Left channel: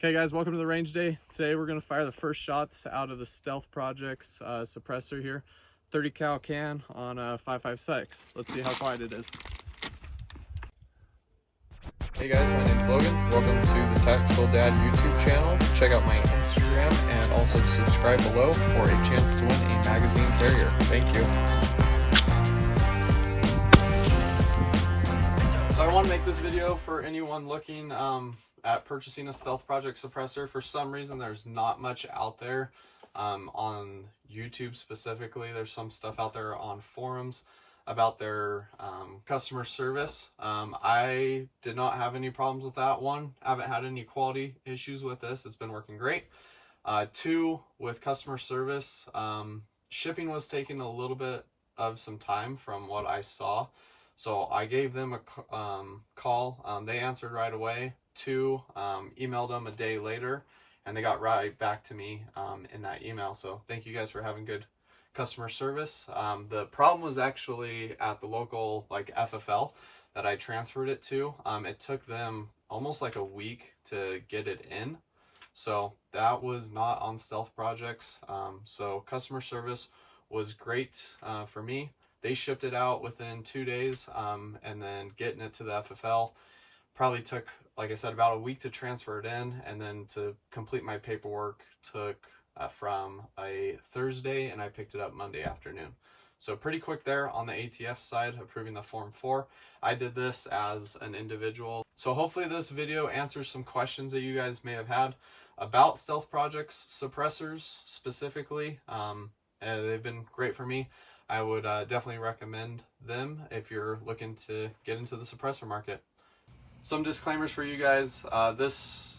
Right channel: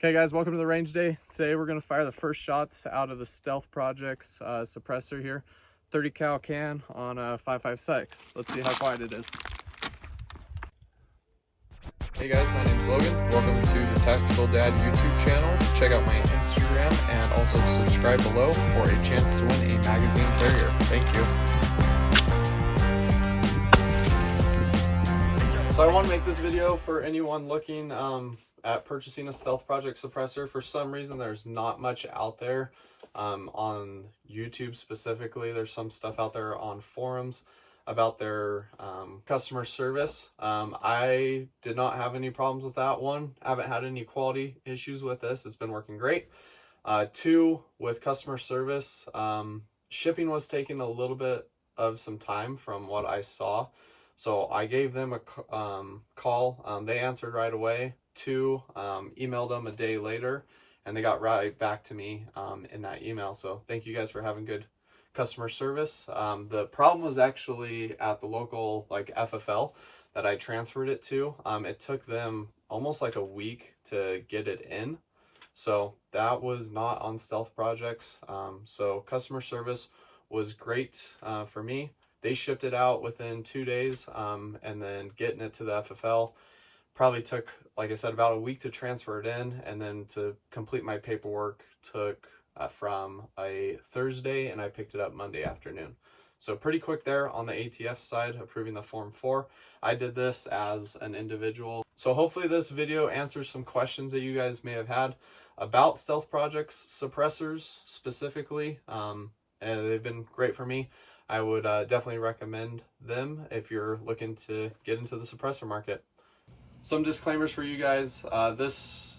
Okay guys, welcome to the range day. Today we're going to fire the first shots out of the Stealth Projects suppressor here. 30 cal can on a 5.56. Let's see how quiet it is. Hey guys, my name's Logan. Welcome to the Tactical Dad YouTube channel. Check out my Instagram and also subscribe below for a chance to win a magazine carrier. Thank you. So I want to make this video for anyone looking at purchasing a Stealth Project suppressor. For some reason there's not much out there on YouTube specifically. There's some stuff out there on forums about their customer service. I did not have any problems with that one. I haven't had any quality issues with this. It's been working great. Two, with customer service, shipping was taking a little bit of some time from what I saw. So I gave them a call. They answered right away. Two, emailed them a day later, and they got right back to me in that email. So thank you guys for having good customer service. The problem was actually at the local FFL that I transferred it to. It took them almost like a week to get it in. So that was not on Stealth Projects. So customer service was great for me. They shipped it out within 2 days, and then getting it to the FFL probably took, like I said, about a week to transfer it in, and then to complete my paperwork took from a Thursday, and I picked it up Monday afternoon. So pretty quick there on the ATF side, approving the Form 4. I did this as an individual. So hopefully this video answers some questions that you guys may have had about Stealth Projects suppressors specifically. They've been great for me. I would definitely recommend them if you're looking to get into the suppressor market. Some disclaimers for you guys. This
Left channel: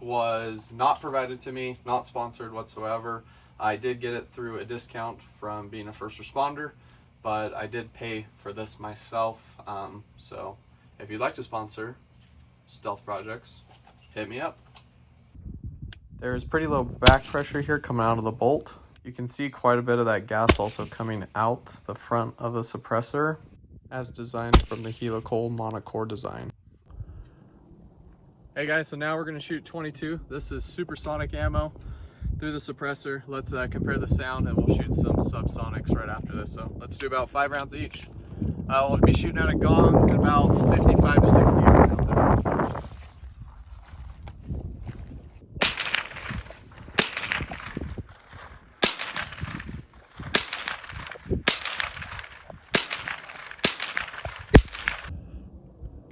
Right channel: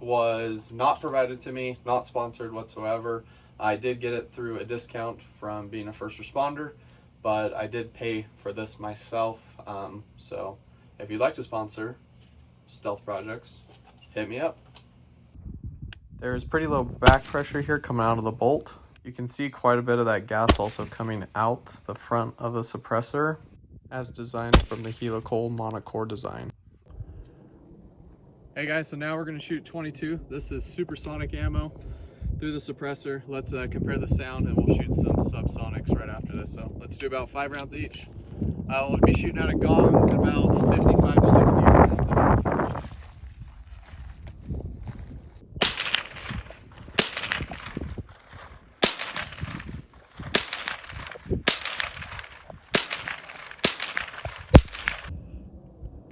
was not provided to me, not sponsored whatsoever. I did get it through a discount from being a first responder, but I did pay for this myself. So if you'd like to sponsor Stealth Projects, hit me up. There's pretty low back pressure here coming out of the bolt. You can see quite a bit of that gas also coming out the front of the suppressor as designed from the helical monocore design. Hey guys, so now we're going to shoot 22. This is supersonic ammo through the suppressor. Let's compare the sound, and we'll shoot some subsonics right after this. So let's do about 5 rounds each. We'll be shooting at a gong at about 55 to 60 yards out there.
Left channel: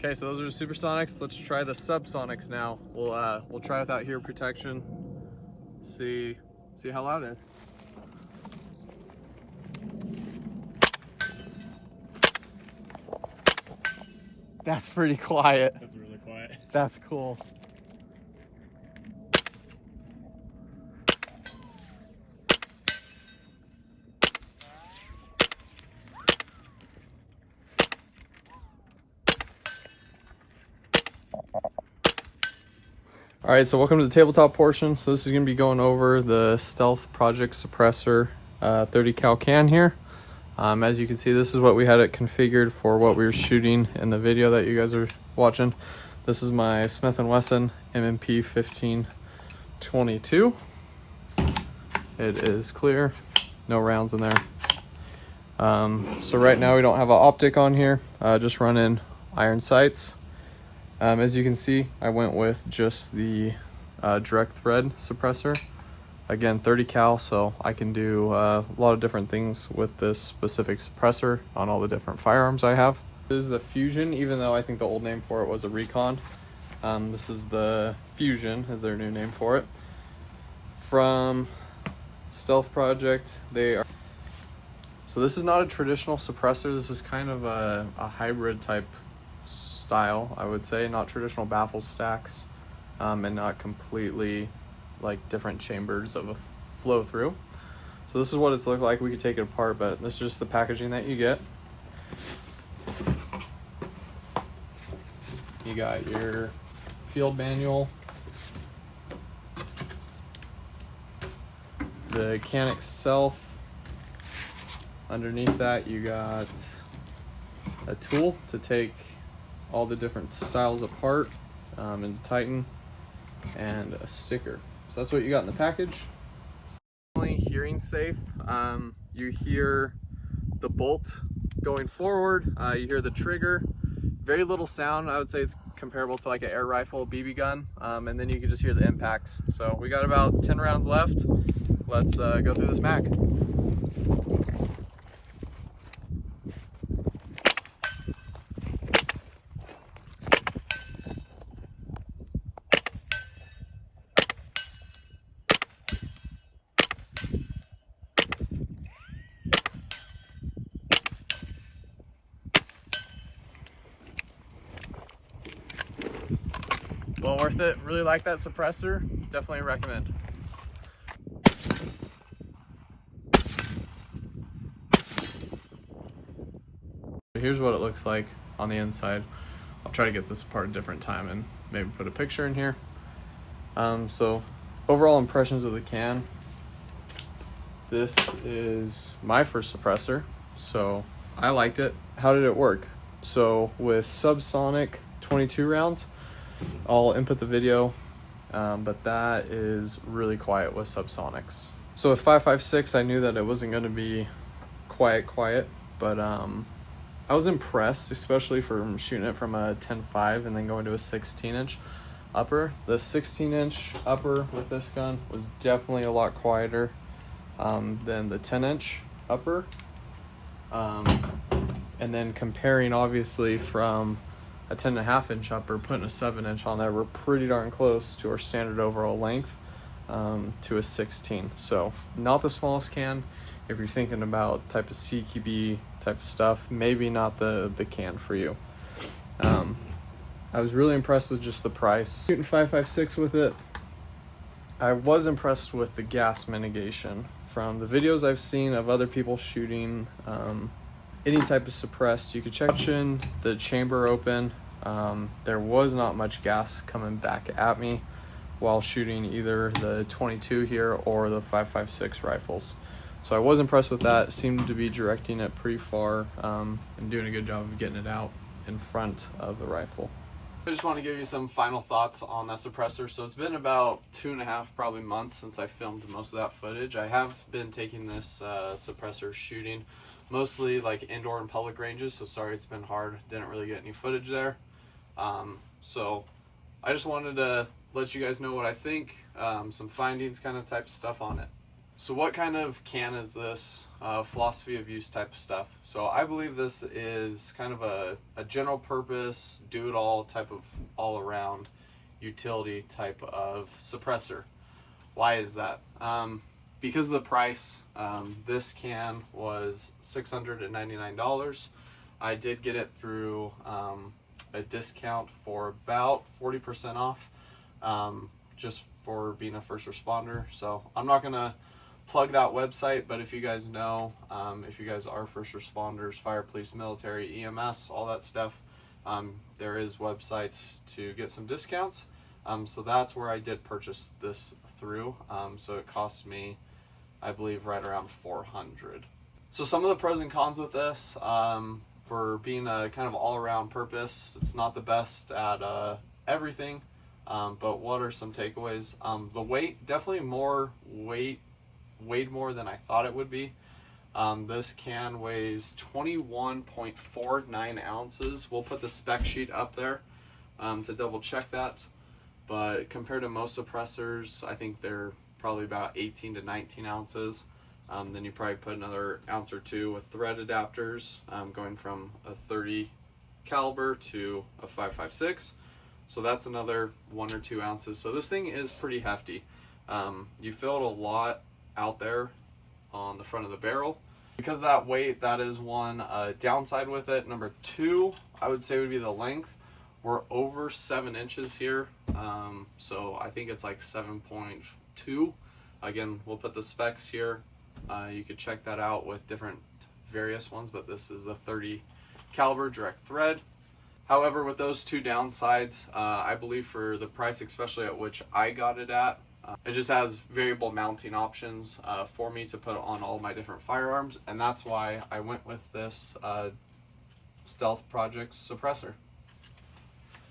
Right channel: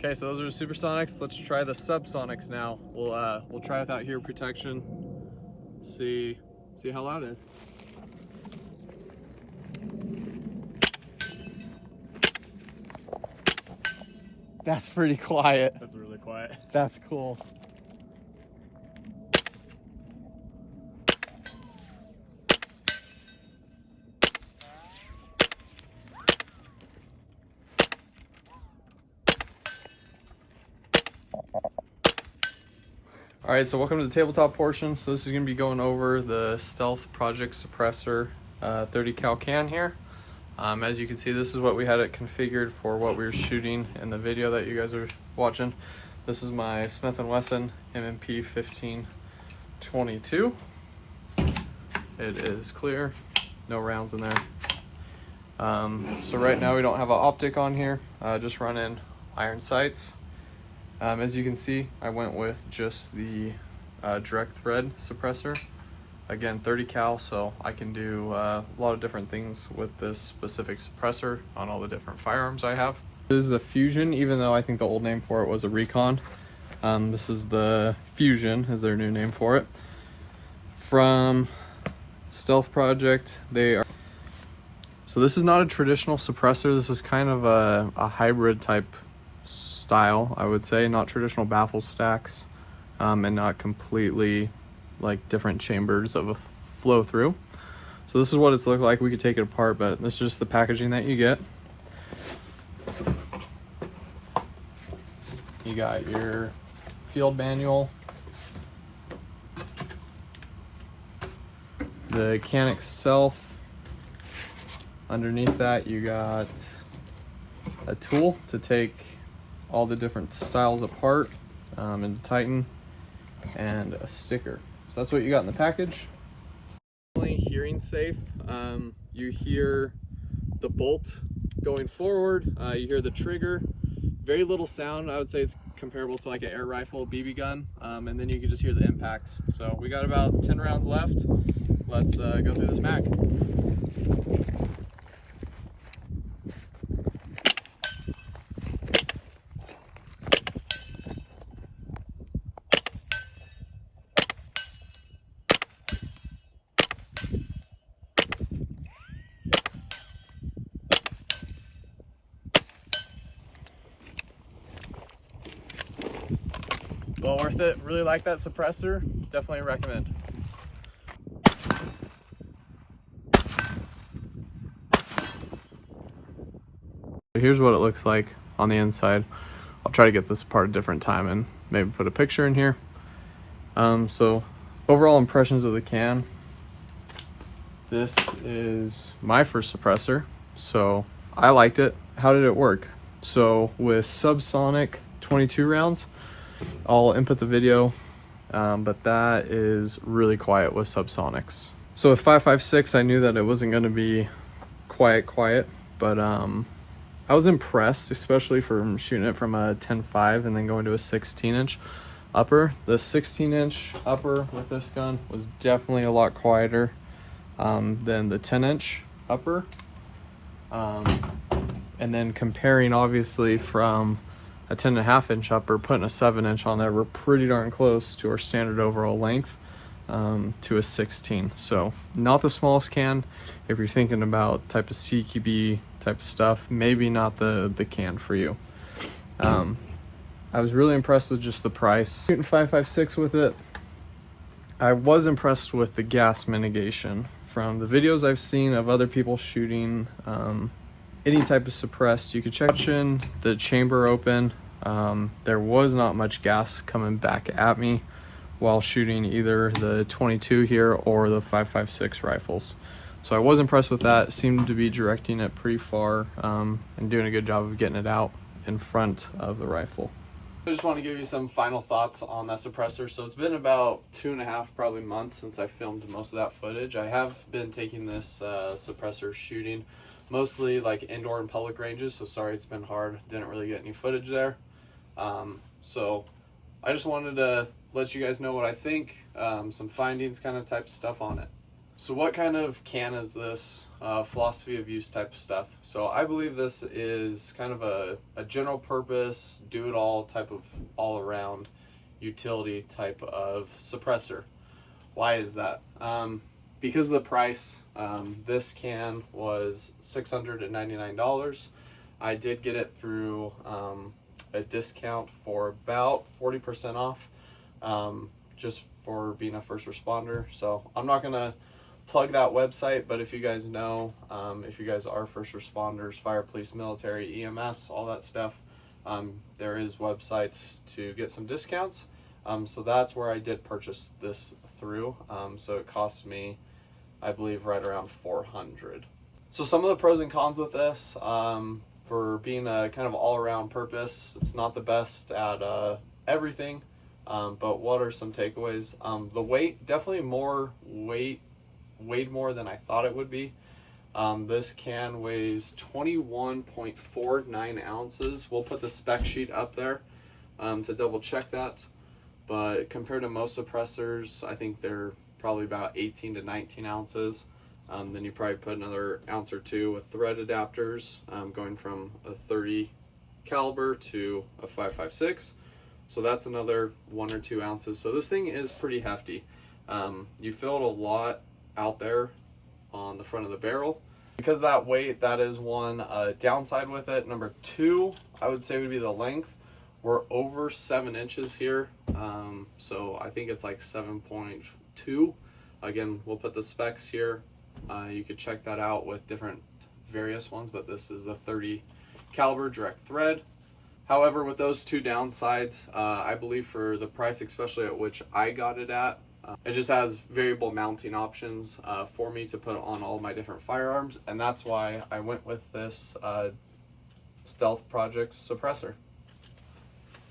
Okay, so those are the supersonics. Let's try the subsonics now. We'll try without hear protection. See how loud it is. That's pretty quiet. That's really quiet. That's cool. All right, so welcome to the tabletop portion. So this is going to be going over the Stealth Project suppressor 30 cal can here. As you can see, this is what we had it configured for what we were shooting in the video that you guys are watching. This is my Smith & Wesson M&P 1522. It is clear, no rounds in there. So right now we don't have an optic on here, just running iron sights. As you can see, I went with just the direct thread suppressor. Again, 30 cal, so I can do a lot of different things with this specific suppressor on all the different firearms I have. This is the Fusion, even though I think the old name for it was a Recon. This is the Fusion, is their new name for it. From Stealth Project, so this is not a traditional suppressor. This is kind of a hybrid type style, I would say. Not traditional baffle stacks, and not completely like different chambers of a flow through. So this is what it's looked like. We could take it apart, but this is just the packaging that you get. You got your field manual, the can itself. Underneath that you got a tool to take all the different styles apart and tighten. and a sticker. So that's what you got in the package. Hearing safe. You hear the bolt going forward, you hear the trigger, very little sound. I would say it's comparable to like an air rifle BB gun, and then you can just hear the impacts. So we got about 10 rounds left. Let's go through this mag. Well worth it. Really like that suppressor. Definitely recommend. Here's what it looks like on the inside. I'll try to get this apart a different time and maybe put a picture in here. So overall impressions of the can. This is my first suppressor, so I liked it. How did it work? So with subsonic 22 rounds, I'll input the video, but that is really quiet with subsonics. So with 5.56, I knew that it wasn't going to be quiet, but I was impressed, especially from shooting it from a 10.5 and then going to a 16-inch upper. The 16-inch upper with this gun was definitely a lot quieter than the 10-inch upper. And then comparing obviously from a 10.5-inch upper, putting a 7-inch on there, we're pretty darn close to our standard overall length to a 16. So not the smallest can. If you're thinking about type of CQB type of stuff, maybe not the can for you. I was really impressed with just the price. Shooting 5.56 with it. I was impressed with the gas mitigation. From the videos I've seen of other people shooting any type of suppressed, you could check the chamber open. There was not much gas coming back at me while shooting either the 22 here or the 5.56 rifles. So I was impressed with that. It seemed to be directing it pretty far and doing a good job of getting it out in front of the rifle. I just want to give you some final thoughts on that suppressor. So it's been about 2.5 probably months since I filmed most of that footage. I have been taking this suppressor shooting mostly like indoor and public ranges, so sorry it's been hard, didn't really get any footage there. So I just wanted to let you guys know what I think, some findings kind of type of stuff on it. So what kind of can is this? Philosophy of use type of stuff. So I believe this is kind of a general purpose, do-it-all type of all-around utility type of suppressor. Why is that? Because of the price. This can was $699. I did get it through a discount for about 40% off, just for being a first responder. So I'm not gonna plug that website, but if you guys know, if you guys are first responders, fire, police, military, EMS, all that stuff, there is websites to get some discounts. So that's where I did purchase this through. So it cost me, I believe, right around $400. So some of the pros and cons with this, for being a kind of all-around purpose, it's not the best at everything, but what are some takeaways? The weight, definitely weighed more than I thought it would be. This can weighs 21.49 ounces. We'll put the spec sheet up there to double check that, but compared to most suppressors, I think they're probably about 18 to 19 ounces. Then you probably put another ounce or two with thread adapters, going from a 30 caliber to a 5.56. So that's another 1 or 2 ounces. So this thing is pretty hefty. You feel it a lot out there on the front of the barrel. Because of that weight, that is one downside with it. Number two, I would say would be the length. We're over 7 inches here. So I think it's like 7.2. Again, we'll put the specs here. You could check that out with different various ones, but this is the 30 caliber direct thread. However, with those two downsides, I believe for the price, especially at which I got it at, it just has variable mounting options for me to put on all my different firearms, and that's why I went with this Stealth Project suppressor.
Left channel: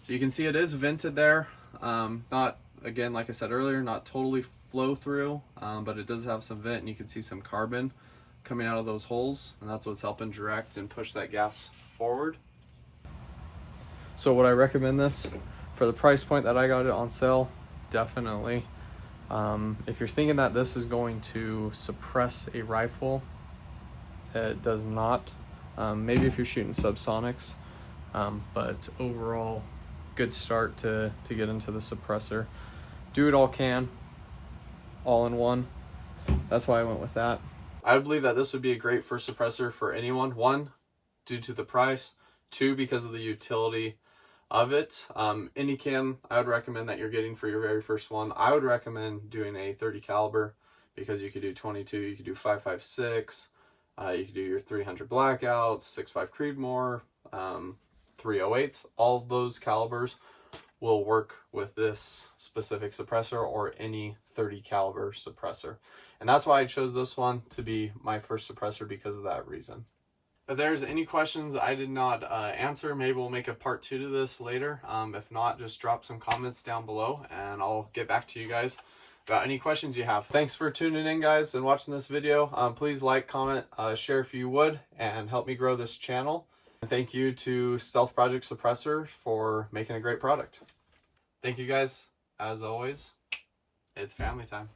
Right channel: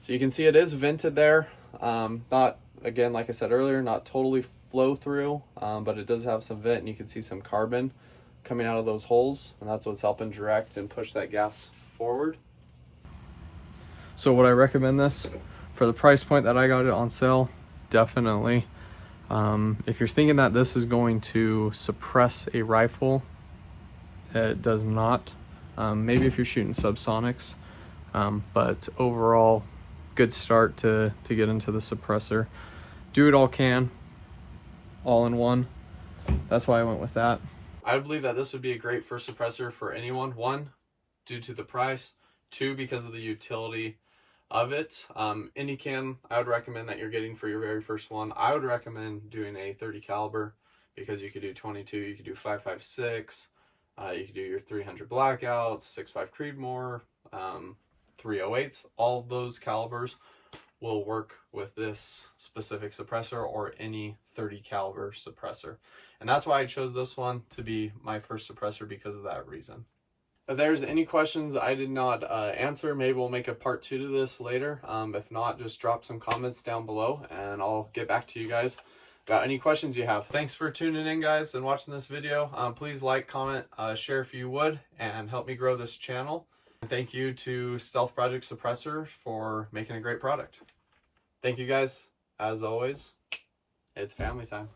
So you can see it is vented there. Not again, like I said earlier, not totally flow through, but it does have some vent, and you can see some carbon coming out of those holes, and that's what's helping direct and push that gas forward. So would I recommend this for the price point that I got it on sale? Definitely. If you're thinking that this is going to suppress a rifle, it does not. Maybe if you're shooting subsonics, but overall, good start to get into the suppressor. Do it all can, all in one. That's why I went with that. I believe that this would be a great first suppressor for anyone. One, due to the price. Two, because of the utility of it. Any cam I would recommend that you're getting for your very first one. I would recommend doing a 30 caliber, because you could do 22, you could do 5.56, you could do your 300 blackouts, 6.5 Creedmoor, 308s. All of those calibers will work with this specific suppressor or any 30 caliber suppressor. And that's why I chose this one to be my first suppressor, because of that reason. If there's any questions I did not answer, maybe we'll make a part 2 to this later. If not, just drop some comments down below and I'll get back to you guys about any questions you have. Thanks for tuning in, guys, and watching this video. Please like, comment, share if you would, and help me grow this channel. And thank you to Stealth Project Suppressor for making a great product. Thank you, guys. As always, it's family time.